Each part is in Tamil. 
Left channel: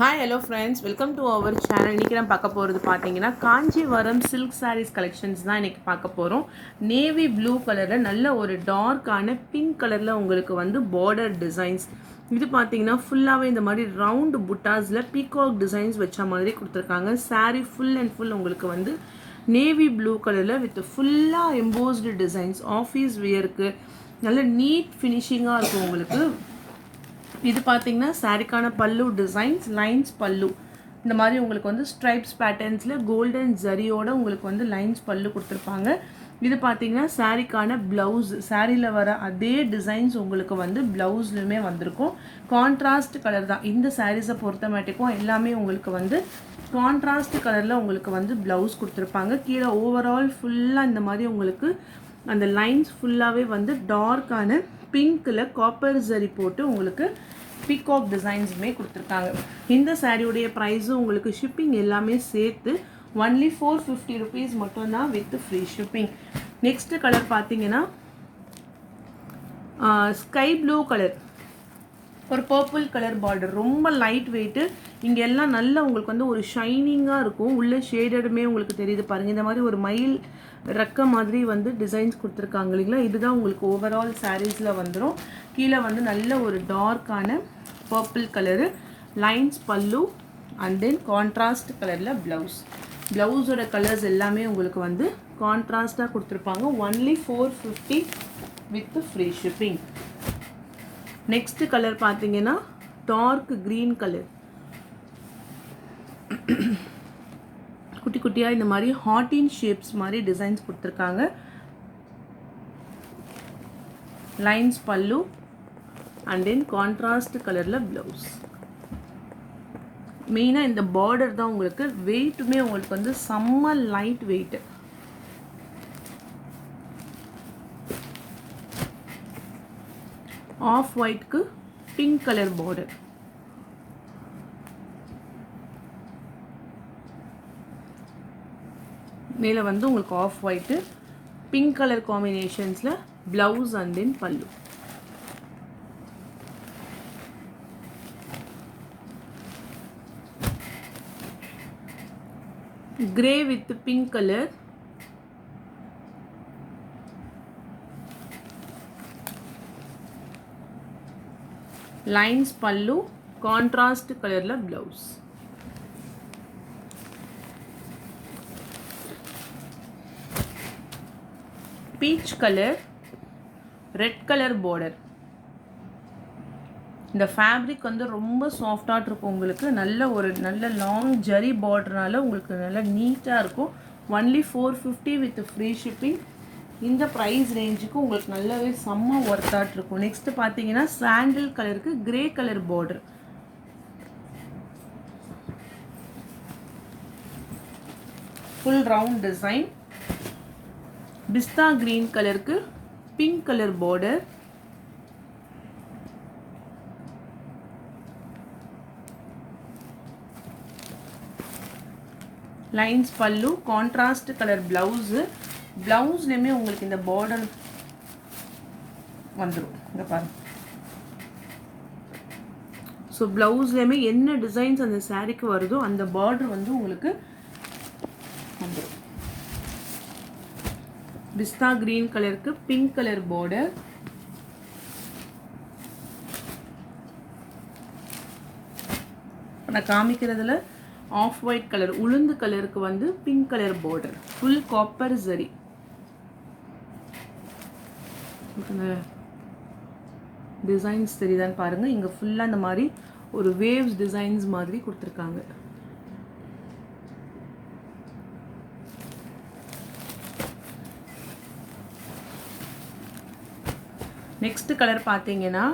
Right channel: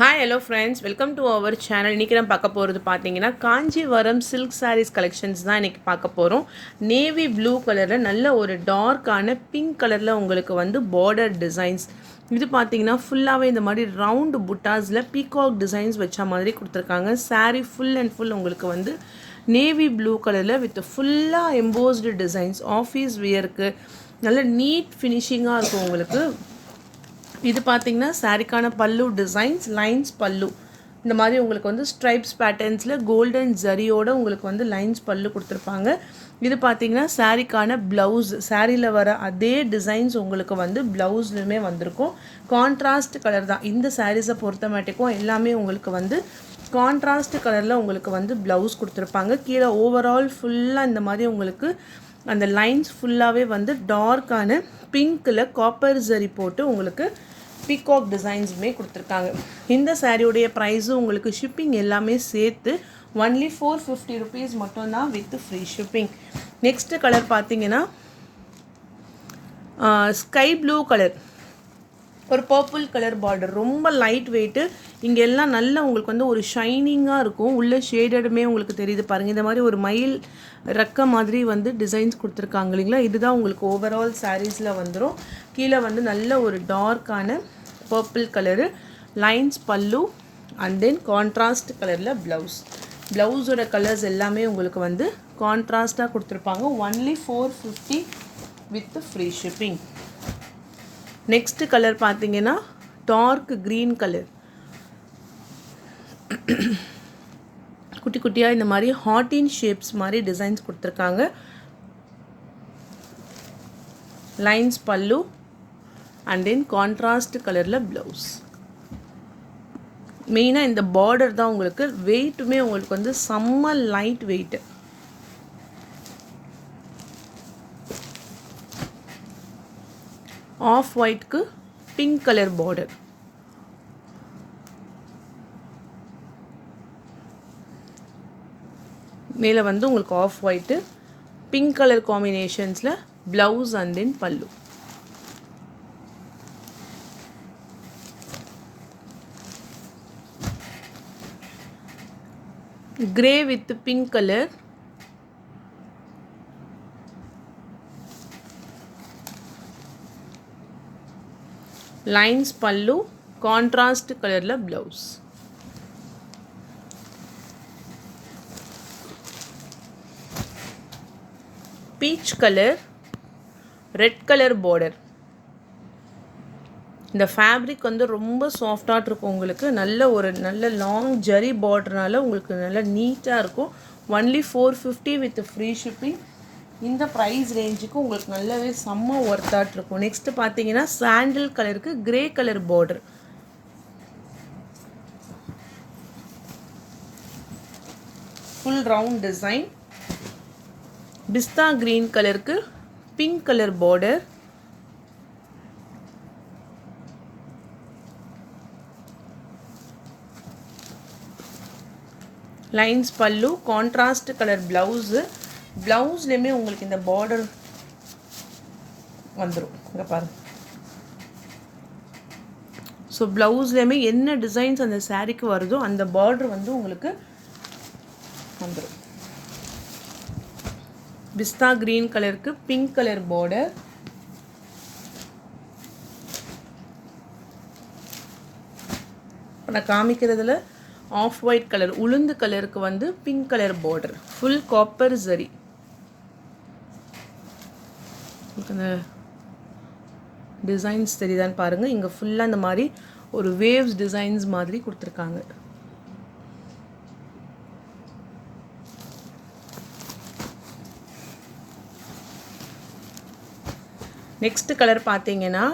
Hi hello friends, welcome to our channel. இன்றைக்கி நான் பார்க்க போகிறது பார்த்தீங்கன்னா காஞ்சிவரம் சில்க் சாரீஸ் கலெக்ஷன்ஸ் தான் இன்றைக்கி பார்க்க போகிறோம். நேவி ப்ளூ கலரில் நல்ல ஒரு டார்க்கான பிங்க் கலரில் உங்களுக்கு வந்து பார்டர் டிசைன்ஸ். இது பார்த்தீங்கன்னா ஃபுல்லாகவே இந்த மாதிரி ரவுண்டு புட்டாஸில் பீகாக் டிசைன்ஸ் வச்ச மாதிரி கொடுத்துருக்காங்க. சாரீ ஃபுல் அண்ட் ஃபுல் உங்களுக்கு வந்து நேவி ப்ளூ கலரில் வித் ஃபுல்லாக எம்போஸ்டு டிசைன்ஸ். ஆஃபீஸ் வியருக்கு நல்ல நீட் ஃபினிஷிங்காக இருக்கும் உங்களுக்கு. இது பார்த்தீங்கன்னா சாரிக்கான பல்லு டிசைன்ஸ், லைன்ஸ் பல்லு இந்த மாதிரி உங்களுக்கு வந்து ஸ்ட்ரைப்ஸ் பேட்டர்ன்ஸில் கோல்டன் ஜரியோட உங்களுக்கு வந்து லைன்ஸ் பல்லு கொடுத்துருப்பாங்க. இது பார்த்தீங்கன்னா சாரிக்கான ப்ளவுஸ், சாரியில் வர அதே டிசைன்ஸ் உங்களுக்கு வந்து ப்ளவுஸ்லையுமே வந்திருக்கும். கான்ட்ராஸ்ட் கலர் தான் இந்த சாரீஸை பொறுத்த மாட்டேக்கும். எல்லாமே உங்களுக்கு வந்து கான்ட்ராஸ்ட் கலரில் உங்களுக்கு வந்து ப்ளவுஸ் கொடுத்துருப்பாங்க. கீழே ஓவரால் ஃபுல்லாக இந்த மாதிரி உங்களுக்கு அந்த லைன்ஸ் ஃபுல்லாகவே வந்து டார்க்கான பிங்க்கில் காப்பர் ஜரி போட்டு உங்களுக்கு பீகாக் டிசைன்ஸுமே கொடுத்துருக்காங்க. இந்த சாரியுடைய ப்ரைஸும் உங்களுக்கு ஷிப்பிங் எல்லாமே சேர்த்து ஒன்லி 450 rupees மட்டும்தான் with free shipping. Next colour பார்த்தீங்கன்னா ஸ்கை ப்ளூ கலர், ஒரு பர்பிள் கலர் பார்டர், ரொம்ப லைட் வெயிட்டு. இங்கே எல்லாம் நல்லா உங்களுக்கு வந்து ஒரு ஷைனிங்காக இருக்கும். உள்ளே ஷேடடுமே உங்களுக்கு தெரியுது பாருங்கள். இந்த மாதிரி ஒரு மயில் ரெக்க மாதிரி வந்து டிசைன்ஸ் கொடுத்துருக்காங்க இல்லைங்களா. இதுதான் உங்களுக்கு ஓவரால் சாரீஸில் வந்துடும். கீழே வந்து நல்ல ஒரு டார்க்கான purple colour lines pallu and then contrast கலரில் ப்ளவுஸ். ப்ளவுஸோட கலர்ஸ் எல்லாமே உங்களுக்கு வந்து கான்ட்ராஸ்டாக கொடுத்துருப்பாங்க. Only 450 with free shipping. Next colour பார்த்தீங்கன்னா டார்க் க்ரீன் கலர். குட்டி குட்டியாக இந்த மாதிரி ஹார்டின் ஷேப்ஸ் மாதிரி டிசைன்ஸ் கொடுத்துருக்காங்க. Lines pallu and then contrast கலரில் ப்ளவுஸ். மெயினாக இந்த பார்டர் தான் உங்களுக்கு வெயிட்டுமே உங்களுக்கு வந்து செம்ம லைட் வெயிட்டு. ஆஃப் ஒயிட்க்கு பிங்க் கலர் பார்டர். மேலே வந்து உங்களுக்கு off white pink colour காம்பினேஷன்ஸில் blouse and then பல்லு. Grey with pink colour. Lines pallu contrast கலரில் blouse. Peach colour, red colour border. இந்த ஃபேப்ரிக் வந்து ரொம்ப சாஃப்டாக இருக்கும் உங்களுக்கு. நல்ல லாங் ஜரி பார்டர்னால உங்களுக்கு நல்ல நீட்டாக இருக்கும். Only 450 with free shipping. இந்த ப்ரைஸ் ரேஞ்சுக்கு உங்களுக்கு நல்லாவே செம்ம ஒர்த்தாட் இருக்கும். நெக்ஸ்ட் பார்த்தீங்கன்னா சாண்டில் கலருக்கு grey colour border. Full round design. பிஸ்தா கிரீன் கலருக்கு pink colour border. Lines pallu contrast colour blouse. ப்ளவுஸ்லேயுமே உங்களுக்கு இந்த பார்டர் வந்துடும். இங்கே பாருங்கள். ஸோ ப்ளவுஸ்லேயுமே என்ன டிசைன்ஸ் அந்த சாரீக்கு வருதோ அந்த பார்டர் வந்து உங்களுக்கு வந்துடும். பிஸ்தா கிரீன் கலருக்கு பிங்க் கலர் பார்டர். நான் காமிக்கிறதுல ஆஃப் ஒயிட் கலர், உளுந்து கலருக்கு வந்து pink colour border. Full copper zari. Designs தெரியுதான்னு பாருங்கள். இங்கே ஃபுல்லாக இந்த மாதிரி ஒரு வேவ்ஸ் டிசைன்ஸ் மாதிரி கொடுத்துருக்காங்க. நெக்ஸ்ட் கலர் பார்த்தீங்கன்னா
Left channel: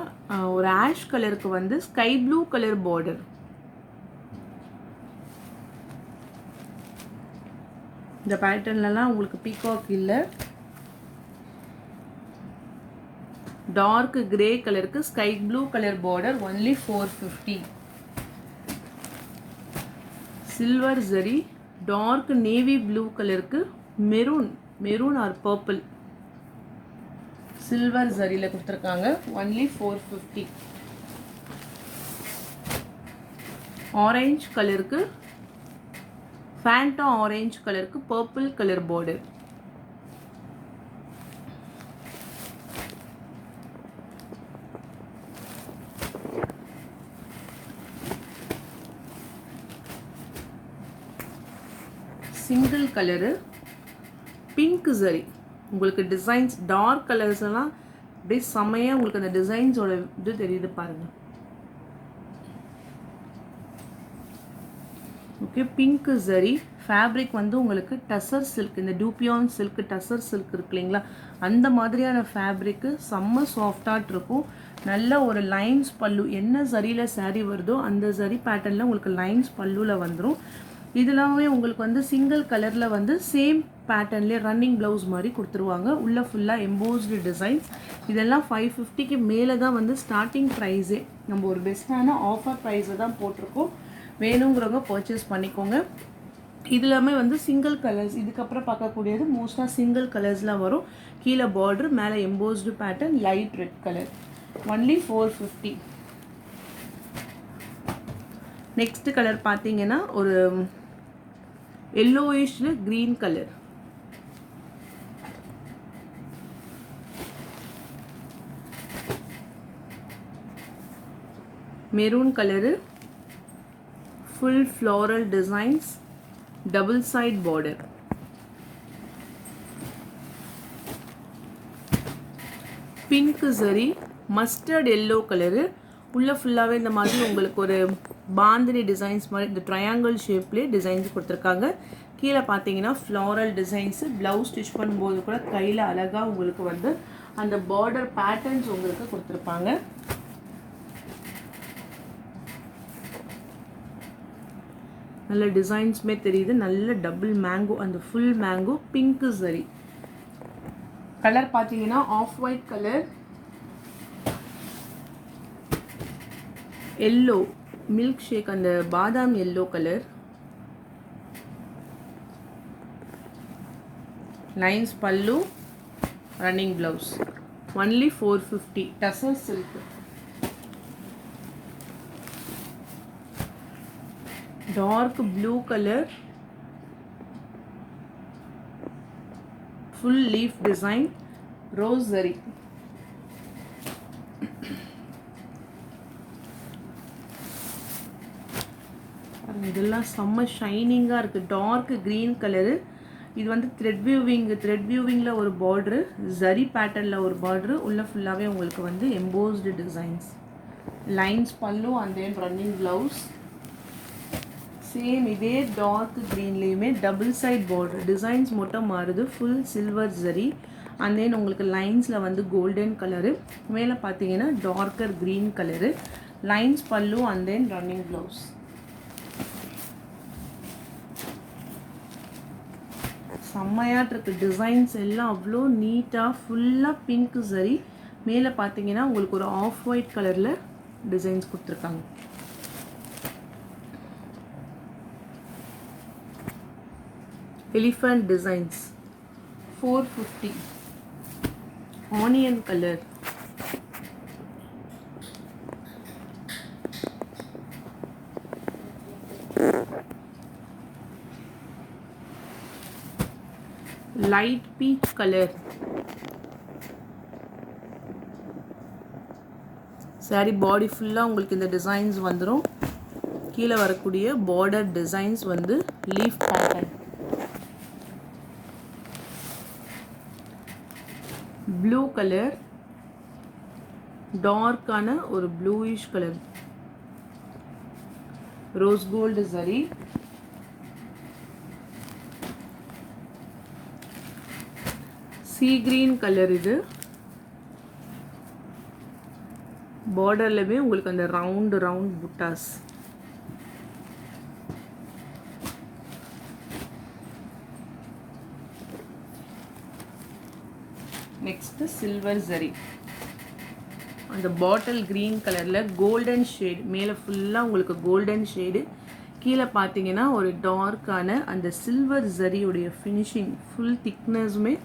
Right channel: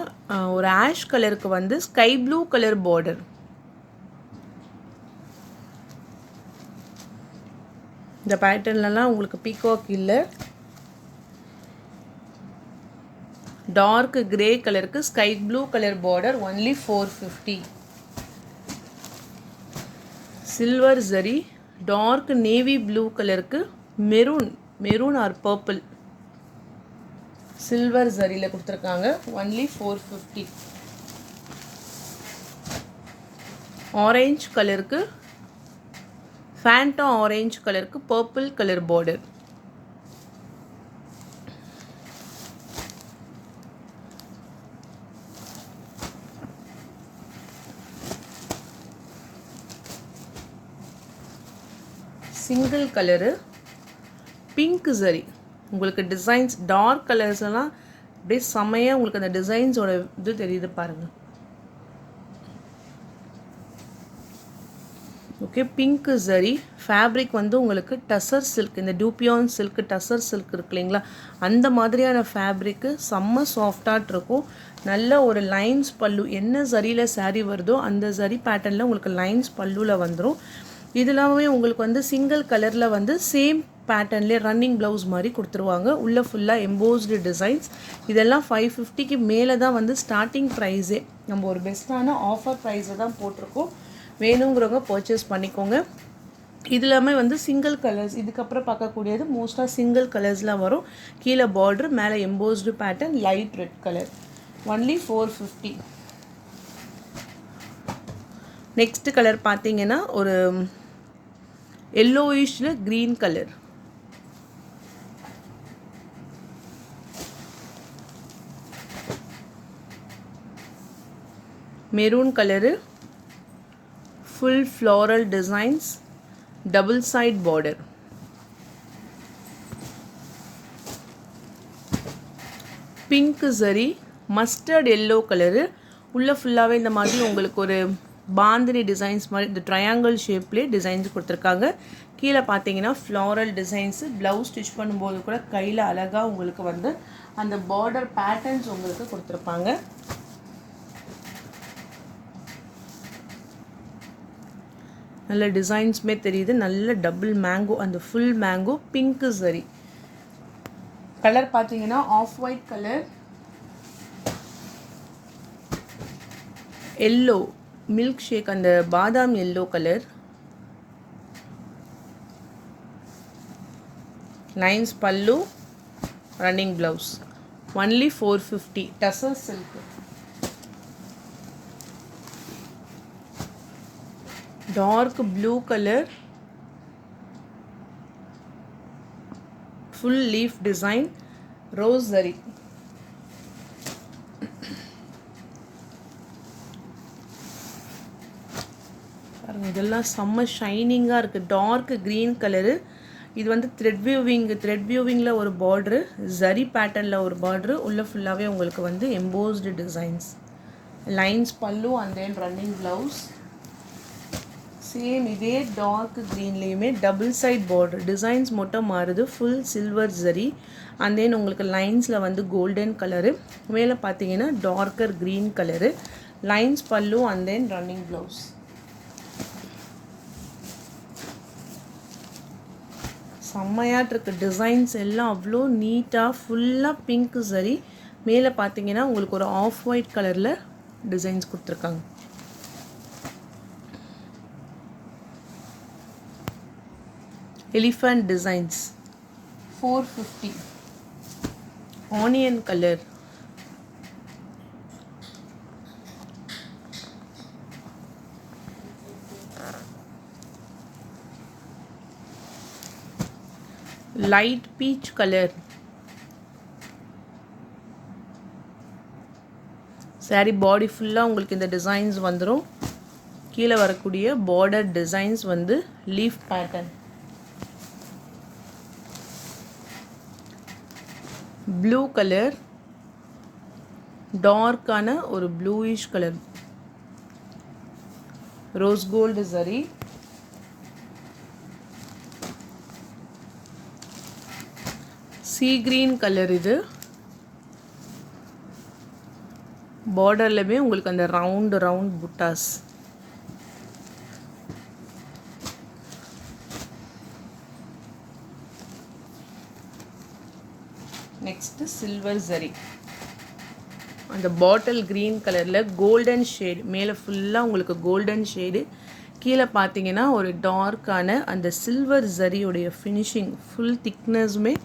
ஒரு ஆஷ் கலருக்கு வந்து ஸ்கை ப்ளூ கலர் பார்டர். இந்த பேட்டர்ன்லலாம் உங்களுக்கு பீகாக் இல்லை. டார்க் கிரே கலருக்கு sky blue colour border. Only 450. Silver zari. Dark navy blue கலருக்கு மெரூன் ஆர் பர்பிள் சில்வர் ஜரியில் கொடுத்துருக்காங்க. ஒன்லி 450. ஆரஞ்சு கலருக்கு ஃபேண்டா ஆரஞ்சு கலருக்கு purple colour border. Single colour pink சரி. உங்களுக்கு டிசைன்ஸ் டார்க் கலர்ஸ்லாம் அப்படியே செம்மையாக உங்களுக்கு அந்த டிசைன்ஸோட இது தெரியுது பாருங்கள். ஓகே, பிங்க் சரி ஃபேப்ரிக் வந்து உங்களுக்கு டசர் சில்க், இந்த டூபியான் சில்க் டசர் சில்க் இருக்கு இல்லைங்களா, அந்த மாதிரியான ஃபேப்ரிக்கு செம்ம சாஃப்டாக இருக்கும். நல்ல ஒரு லைன்ஸ் பல்லு, என்ன சரியில் சாரீ வருதோ அந்த சரி பேட்டர்னில் உங்களுக்கு லைன்ஸ் பல்லுவில் வந்துடும். இதெல்லாமே உங்களுக்கு வந்து சிங்கிள் கலரில் வந்து சேம் பேட்டர்ன்லேயே ரன்னிங் ப்ளவுஸ் மாதிரி கொடுத்துருவாங்க. உள்ளே ஃபுல்லாக எம்போஸ்டு டிசைன்ஸ். இதெல்லாம் 550க்கு மேலே தான் வந்து ஸ்டார்டிங் ப்ரைஸே. நம்ம ஒரு பெஸ்ட்டான ஆஃபர் ப்ரைஸை தான் போட்டிருக்கோம். வேணுங்கிறவங்க பர்ச்சேஸ் பண்ணிக்கோங்க. இது எல்லாமே வந்து சிங்கிள் கலர்ஸ். இதுக்கப்புறம் பார்க்கக்கூடியது மோஸ்ட்டாக சிங்கிள் கலர்ஸில் வரும். கீழே பார்டர், மேலே embossed pattern, light red colour. Only 450. Next colour பார்த்தீங்கன்னா ஒரு எல்லோயிஷ்ல green colour. Maroon colour, full floral designs, double side border. Pink சரி, மஸ்டர்ட் எல்லோ கலரு. உள்ள ஃபுல்லாகவே இந்த மாதிரி உங்களுக்கு ஒரு பாந்தினி டிசைன்ஸ் மாதிரி இந்த ட்ரையாங்கிள் ஷேப்லேயே டிசைன்ஸ் கொடுத்துருக்காங்க. கீழே பார்த்தீங்கன்னா ஃப்ளாரல் டிசைன்ஸு. ப்ளவுஸ் ஸ்டிச் பண்ணும்போது கூட கையில் அழகாக உங்களுக்கு வந்து அந்த பார்டர் பேட்டர்ன்ஸ் உங்களுக்கு கொடுத்துருப்பாங்க. நல்ல டிசைன்ஸுமே தெரியுது. நல்ல டபுள் மேங்கோ, அந்த ஃபுல் மேங்கோ பிங்க் சரி. கலர் பார்த்தீங்கன்னா off white colour, yellow milkshake, அந்த பாதாம் yellow colour. Lines pallu, running blouse. Only 450. Tussar silk. Dark blue colour, full leaf design, rose சரி. இதெல்லாம் செம்ம ஷைனிங்காக இருக்குது. Dark green colour. இது வந்து த்ரெட் வியூவிங்கில் ஒரு பார்ட்ரு, ஜரி பேட்டர்னில் ஒரு பார்ட்ரு. உள்ளே ஃபுல்லாகவே உங்களுக்கு வந்து embossed designs, lines pallu and then running blouse. Same இதே டார்க் க்ரீன்லேயுமே டபுள் சைட் பார்டர். டிசைன்ஸ் மட்டும் மாறுது. Full silver zari and then உங்களுக்கு லைன்ஸில் வந்து கோல்டன் கலரு. மேலே பார்த்தீங்கன்னா darker green colour. Lines pallu and then running blouse. செம்மையாட்டு இருக்குது. டிசைன்ஸ் எல்லாம் அவ்வளோ நீட்டாக ஃபுல்லாக பிங்க் சரி. மேலே பார்த்தீங்கன்னா உங்களுக்கு ஒரு ஆஃப் ஒயிட் கலரில் டிசைன்ஸ் கொடுத்துருக்காங்க. Elephant designs 450. Onion colour, light peach colour. Sari body ஃபுல்லாக உங்களுக்கு இந்த டிசைன்ஸ் வந்துடும். கீழே வரக்கூடிய பார்டர் டிசைன்ஸ் வந்து லீஃப் பேட்டர்ன். ப்ளூ கலர், டார்க்கான ஒரு ப்ளூயிஷ் கலர், ரோஸ் கோல்டு சரி. Sea green colour. இது பார்டர்லவே உங்களுக்கு அந்த ரவுண்ட் புட்டாஸ். Next silver zari. அந்த பாட்டில் கிரீன் கலரில் கோல்டன் ஷேடு. மேலே ஃபுல்லாக உங்களுக்கு கோல்டன் ஷேடு. கீழே பார்த்தீங்கன்னா ஒரு டார்க்கான அந்த சில்வர் ஜரியுடைய ஃபினிஷிங், ஃபுல் திக்னஸுமே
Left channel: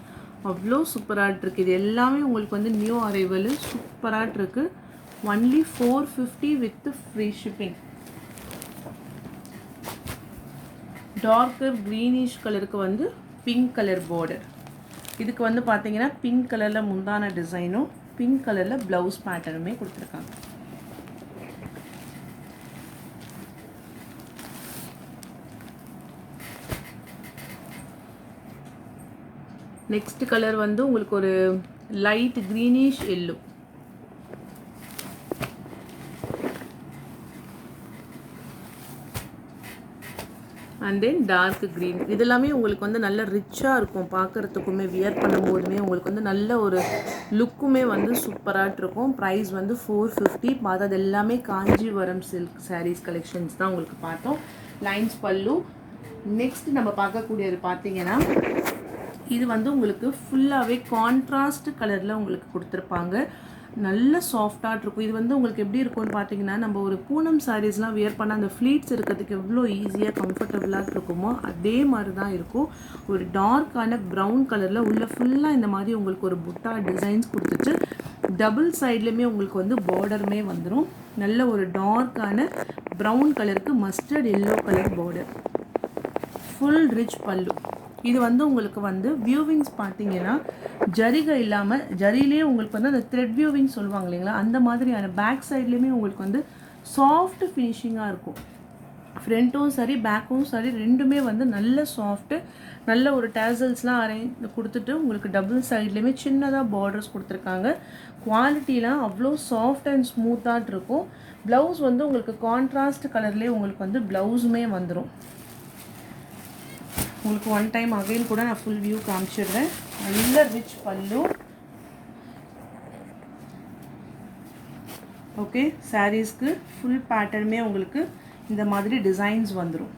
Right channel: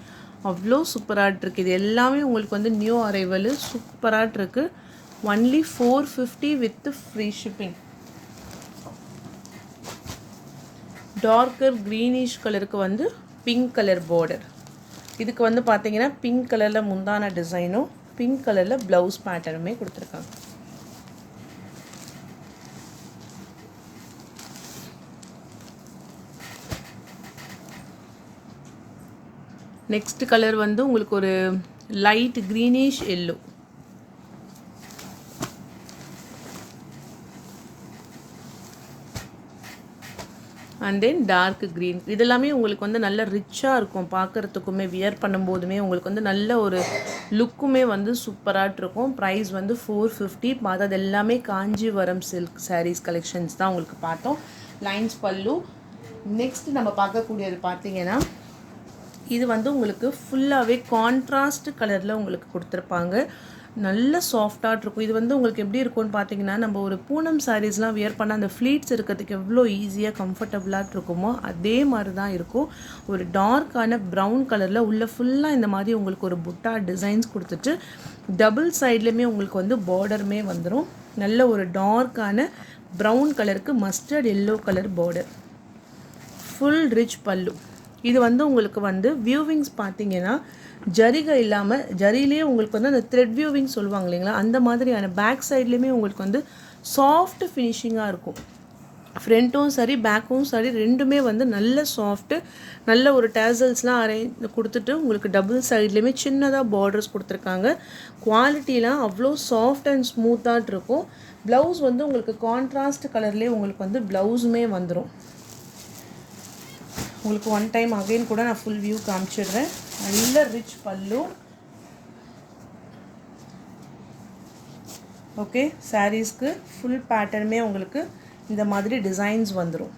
அவ்வளோ சூப்பராக இருக்குது. இது எல்லாமே உங்களுக்கு வந்து நியூ அரைவல் சூப்பராக இருக்குது. Only 450 with free shipping. Darker greenish கலருக்கு வந்து பிங்க் கலர் பார்டர். இதுக்கு வந்து பார்த்தீங்கன்னா பிங்க் கலரில் முந்தான டிசைனும் பிங்க் கலரில் ப்ளவுஸ் பேட்டர்னுமே கொடுத்துருக்காங்க. நெக்ஸ்ட் கலர் வந்து உங்களுக்கு ஒரு light greenish yellow. And then dark green. இதெல்லாமே உங்களுக்கு வந்து நல்ல ரிச்சாக இருக்கும் பார்க்குறதுக்குமே, வியர் பண்ணும்போதுமே உங்களுக்கு வந்து நல்ல ஒரு லுக்குமே வந்து சூப்பராக இருக்கும். ப்ரைஸ் வந்து 450. பார்த்தது எல்லாமே காஞ்சிவரம் சில்க் சாரீஸ் கலெக்ஷன்ஸ் தான் உங்களுக்கு பார்த்தோம். லைன்ஸ் பல்லு. நெக்ஸ்ட் நம்ம பார்க்கக்கூடியது பார்த்தீங்கன்னா இது வந்து உங்களுக்கு ஃபுல்லாகவே கான்ட்ராஸ்ட் கலரில் உங்களுக்கு கொடுத்துருப்பாங்க. நல்ல சாஃப்டாக இருக்கும். இது வந்து உங்களுக்கு எப்படி இருக்கும்னு பார்த்தீங்கன்னா நம்ம ஒரு பூனம் சாரீஸ்லாம் வியர் பண்ண அந்த ஃப்ளீட்ஸ் இருக்கிறதுக்கு எவ்வளோ ஈஸியாக கம்ஃபர்டபுளாக இருக்குமோ அதே மாதிரி தான் இருக்கும். ஒரு டார்க்கான ப்ரௌன் கலரில் உள்ள ஃபுல்லாக இந்த மாதிரி உங்களுக்கு ஒரு புட்டா டிசைன்ஸ் கொடுத்துட்டு டபுள் சைட்லேயுமே உங்களுக்கு வந்து பார்டருமே வந்துடும். நல்ல ஒரு டார்க்கான ப்ரௌன் கலருக்கு mustard yellow colour border. Full rich பல்லு. இது வந்து உங்களுக்கு வந்து வியூவிங்ஸ் பார்த்தீங்கன்னா ஜரிகை இல்லாமல் ஜரியிலே உங்களுக்கு வந்து அந்த த்ரெட் வியூவிங் சொல்லுவாங்க இல்லைங்களா, அந்த மாதிரியான பேக் சைட்லேயுமே உங்களுக்கு வந்து சாஃப்ட் ஃபினிஷிங்காக இருக்கும். ஃப்ரண்ட்டும் சரி பேக்கும் சரி ரெண்டுமே வந்து நல்ல சாஃப்ட்டு. நல்ல ஒரு டேசல்ஸ்லாம் கொடுத்துட்டு உங்களுக்கு டபுள் சைட்லேயுமே சின்னதாக பார்டர்ஸ் கொடுத்துருக்காங்க. குவாலிட்டிலாம் அவ்வளோ சாஃப்ட் அண்ட் ஸ்மூத்தாக இருக்கும். ப்ளவுஸ் வந்து உங்களுக்கு கான்ட்ராஸ்ட் கலர்லேயே உங்களுக்கு வந்து ப்ளவுஸுமே வந்துடும். உங்களுக்கு ஒன் டைம் அகைன் கூட நான் ஃபுல் வியூ காமிச்சிடுறேன். நல்ல ரிச் பல்லு. ஓகே, சாரீஸ்க்கு ஃபுல் பேட்டர்னுமே உங்களுக்கு இந்த மாதிரி டிசைன்ஸ் வந்துடும்.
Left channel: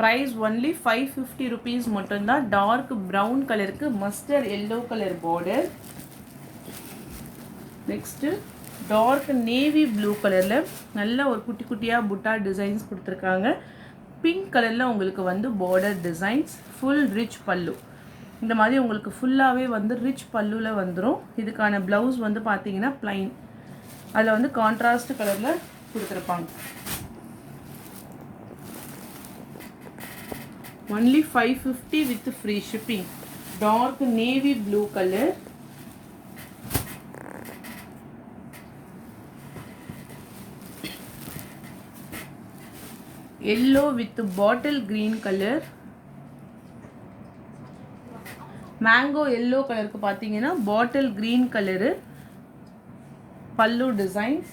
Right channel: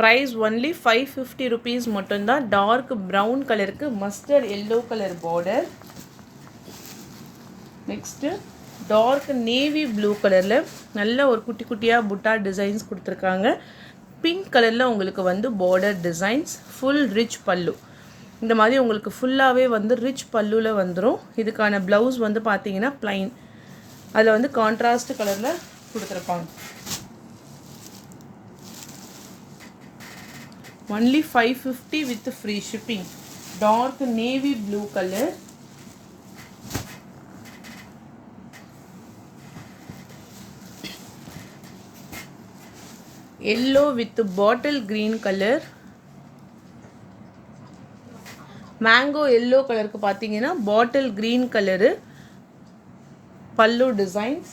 ப்ரைஸ் ஒன்லி 550 rupees மட்டும்தான். டார்க் ப்ரௌன் கலருக்கு mustard yellow colour border. Next dark navy blue கலரில் நல்ல ஒரு குட்டி குட்டியாக புட்டா டிசைன்ஸ் கொடுத்துருக்காங்க. பிங்க் கலரில் உங்களுக்கு வந்து பார்டர் டிசைன்ஸ். ஃபுல் ரிச் பல்லு. இந்த மாதிரி உங்களுக்கு ஃபுல்லாகவே வந்து ரிச் பல்லுவில் வந்துடும். இதுக்கான ப்ளவுஸ் வந்து பார்த்தீங்கன்னா ப்ளைன். அதில் வந்து கான்ட்ராஸ்ட் கலரில் கொடுத்துருப்பாங்க. Only 550 with free shipping. Dark navy blue colour. yellow with bottle green color. mango yellow கலருக்கு பார்த்தீங்கன்னா bottle green colour pallu designs.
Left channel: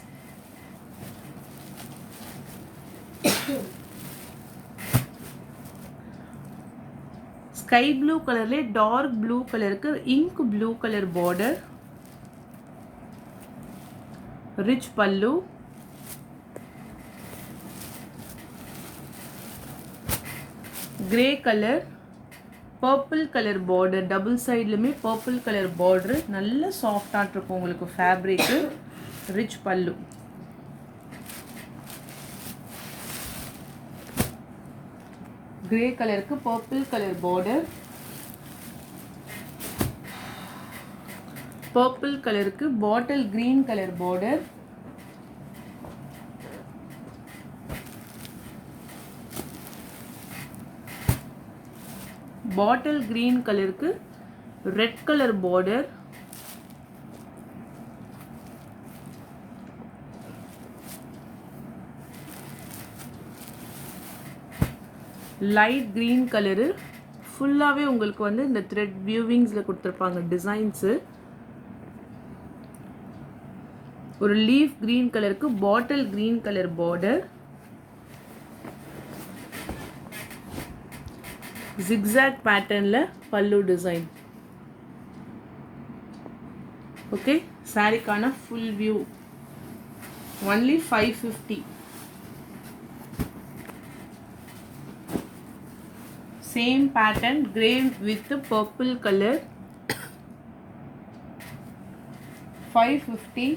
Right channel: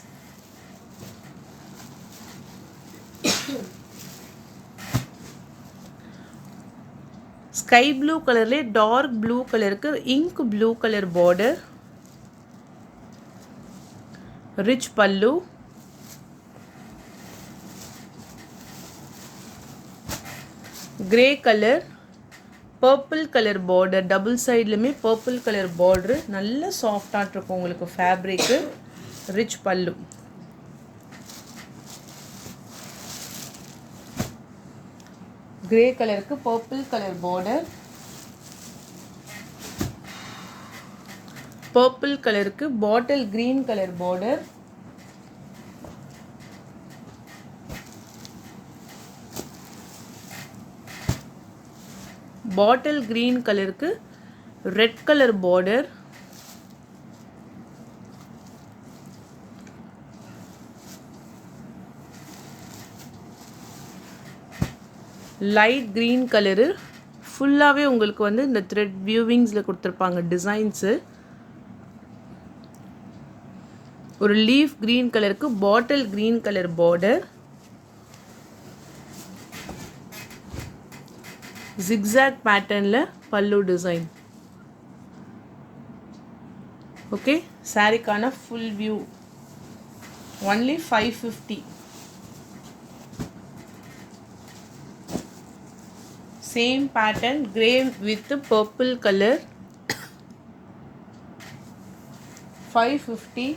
Sky blue கலர்லே டார்க் ப்ளூ கலருக்கு ink blue colour border. Rich pallu. Grey colour purple colour border. Double साइडलुमे पर्पल कलर बॉर्डर. நல்ல சாஃப்ட்டா இருக்கும் உங்களுக்கு ஃபேப்ரிக். ரிச் பல்லு. ग्रे கலருக்கு पर्पल கலர் பார்டர். पर्पल கலருக்கு bottle green colour border. Bottle green கலருக்கு red colour border. Light green colour ஃபுல்லாகவே உங்களுக்கு வந்து இந்த த்ரெட் வியூவிங்ஸில் கொடுத்துருப்பாங்க டிசைன்ஸு. ஒரு லீஃப் கிரீன் கலருக்கு bottle green colour border. Zigzag பேட்டர்னில் பல்லு டிசைன். ஓகே, சாரிக்கான full view only 550. Same pattern grey with purple colour 550.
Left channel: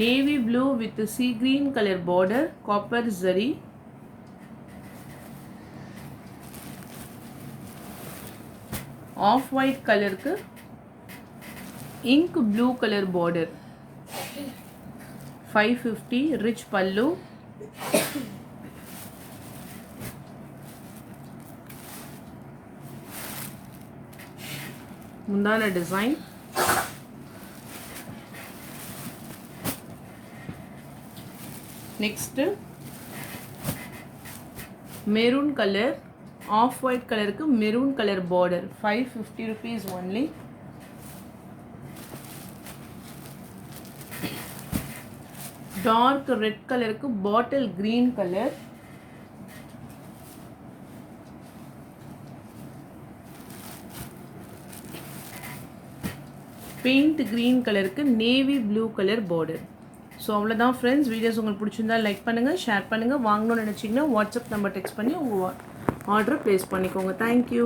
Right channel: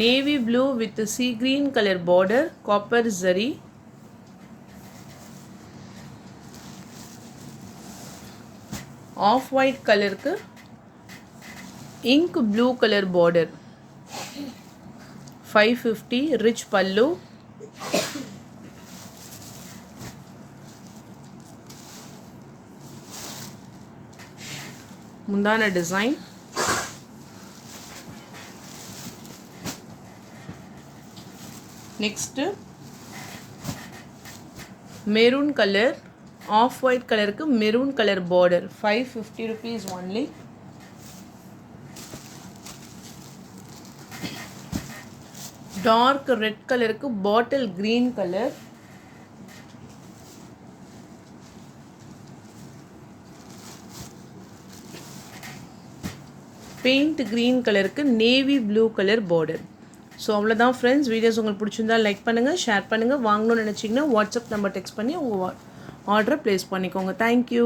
navy blue with sea green color border, copper zari. Off white color ku ink blue color border, 550, rich pallu, mundana design, next maroon color, off white color ku maroon color border, 550 rupees only. Dark red color ku bottle green color, paint green color ku navy blue color border. So அவ்வளோதான் ஃப்ரெண்ட்ஸ். வீடியோஸ் உங்களுக்கு பிடிச்சிருந்தா லைக் பண்ணுங்கள், ஷேர் பண்ணுங்கள். வாங்கணும்னு நினச்சிங்கன்னா வாட்ஸ்அப் நம்பர் டெக்ஸ்ட் பண்ணி உங்கள் ஆர்டரை ப்ளேஸ் பண்ணிக்கோங்க. தேங்க்யூ.